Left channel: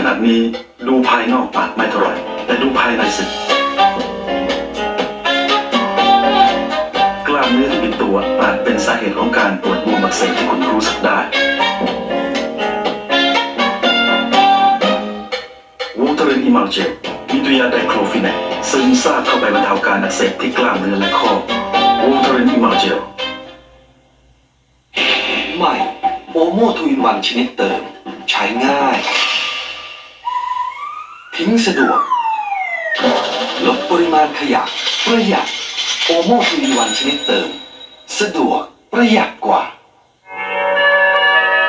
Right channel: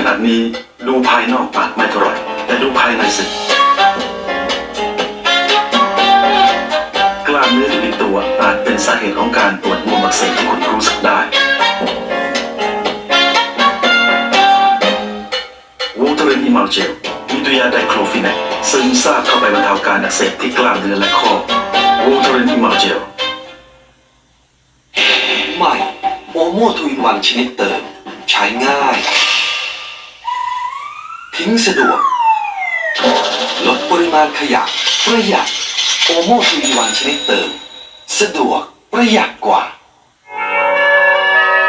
ขนาดนี้ดูภายนอกอาจไม่เท่าไหร่แต่ดูภายในสิกล้ามเนื้อที่เป็นตัวอาจเป็นสาเหตุของการปวดบวมอักเสบที่คุณรู้สึกได้วูเทอรินอิมัลเจลมีตัวยาไดโคลฟิแนกซึมซาบเข้าไปบรรเทาการอักเสบที่กล้ามเนื้อและข้อวูเทอรินอิมัลเจลใหม่โอโมทูอินวันชนิดเติม ใช้ง่าย ทิ้งสะดวก ลดปริมาณขยะประหยัดโอโมทูอินวันชนิดเติม สะดวกประหยัดกว่า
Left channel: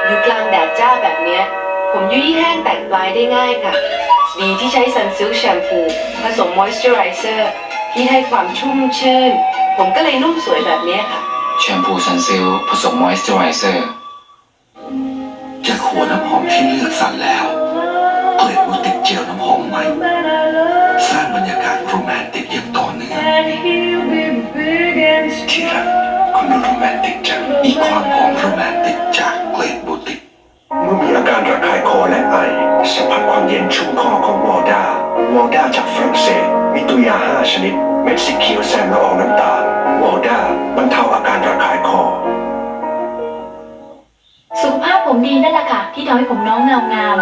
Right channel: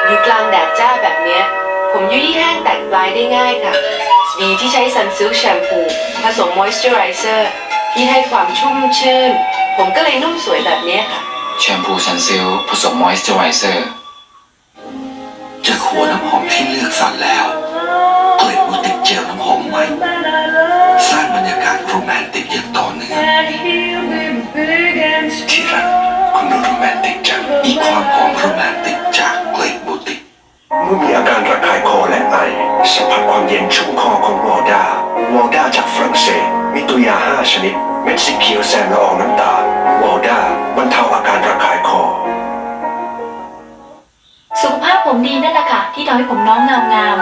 อยู่กลางแดดจ้าแบบเนี้ย ผมยุ่ยแห้งแตกปลายได้ง่ายค่ะ ดีที่ใช้ซันซิลแชมพูผสมมอยส์เจอไรเซอร์ที่ให้ความชุ่มชื่น ผมก็เลยนุ่มสวยแบบเนี้ยค่ะ แชมพูซันซิลผสมมอยส์เจอไรเซอร์จากหัวน้ำหอมที่เลือกสรรแล้ว เกล็ดบูติกเจลน้ำหอมใหม่ สร้างบรรยากาศโรแมนติกอย่างต่อเนื่องที่รักคุณดูโรแมนติกจังมีความหอมโรแมนติกจากเกล็ดบูติกเมื่อมีอาการระคายคอและไอสัมผัสความเย็นชุ่มคอของวอร์ดาวอร์ดาจากฝรั่งเศสมีตัวยา 5 ชนิด เม็ดสีเขียวแซมละอองน้ำตาลวอร์ดาบรรเทาอาการระคายคอ ที่ทำให้ผมน้องเงางาม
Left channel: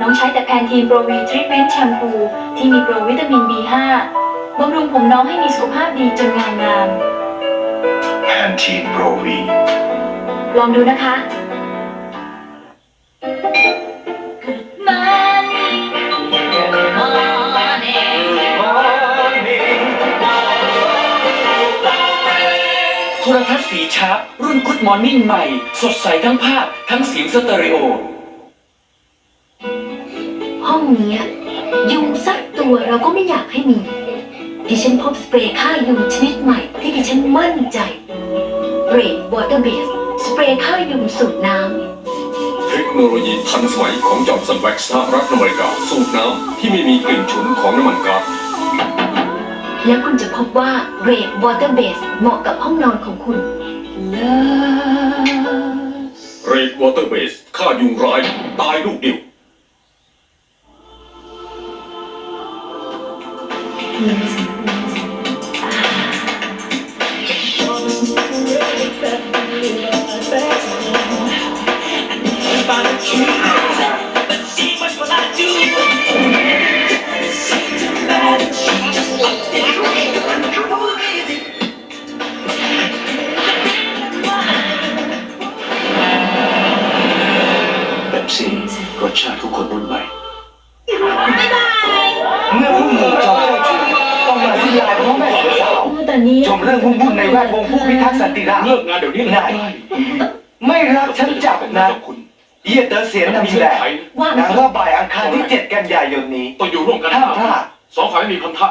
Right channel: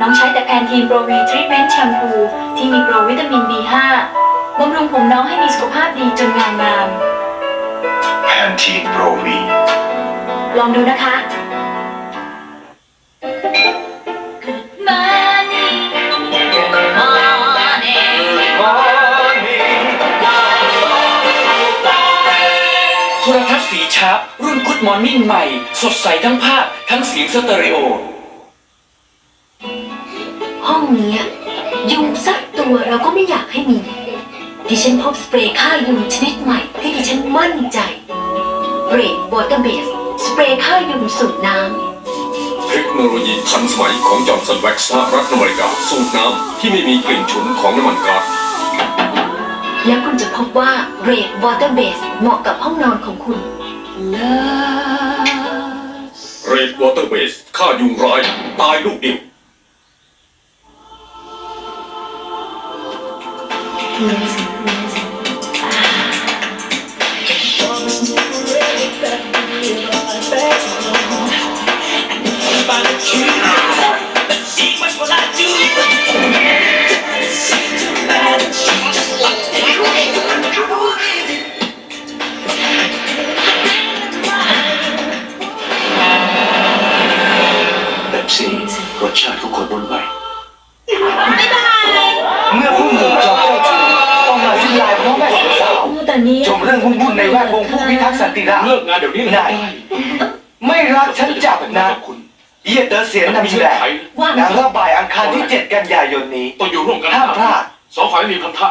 น้องใช้แต่แพนทีนโปรวีทรีทเมนต์แชมพูที่มีโปรวิตามิน B5 บำรุงผมน้องให้มีสุขภาพดีจนเงางาม แพนทีนโปรวี ลองดูนะคะ Good morning Good morning โทรทัศน์สีชาร์ปรุ่นกุดมอร์นิ่งใหม่ สดใสทั้งภาพ ทั้งเสียงสเตอริโอห้อง เนี้ย ยุงสักตัวเราก็ไม่อยากให้มี ดิฉันพบสเปรย์ฆ่ายุงชนิดใหม่ที่ดิฉันมั่นใจเรดวอเตอร์เบสสเปรย์ฆ่ายุงสูตรน้ำ เทคโนโลยีทันสมัยของจอมสันแว็กซ์สหรัฐอเมริกาสูตรน้ำที่ไม่มีกลิ่นฉุนของน้ำมันก๊าซแล้วคุณจะพบว่าเรดวอเตอร์เบสเหมาะกับห้องนอนของคุณเรดวอเตอร์เบสฆ่ายุงร้าย ตายลูกเดียว แบบซี่รสชาติของคนรุ่นใหม่ เมื่อผู้หมู่จอมเจ้าชู้ต้องมาสิ้นลายเพราะแม่สาวแต่นี้ชมเรื่องวุ่นๆในแวดวงผู้พิทักษ์สันติราษฎร์เลิกงานเดี๋ยวนี้เลยนายไม่รักฉันจับนะเยียเตอร์เสียนนำแสดงว่าหนังระบายอังคารที่ 7 กันยายนนี้ต้องอยู่ร่วมกันห้ามพลาดสองฝ่ายไม่มีพันธะ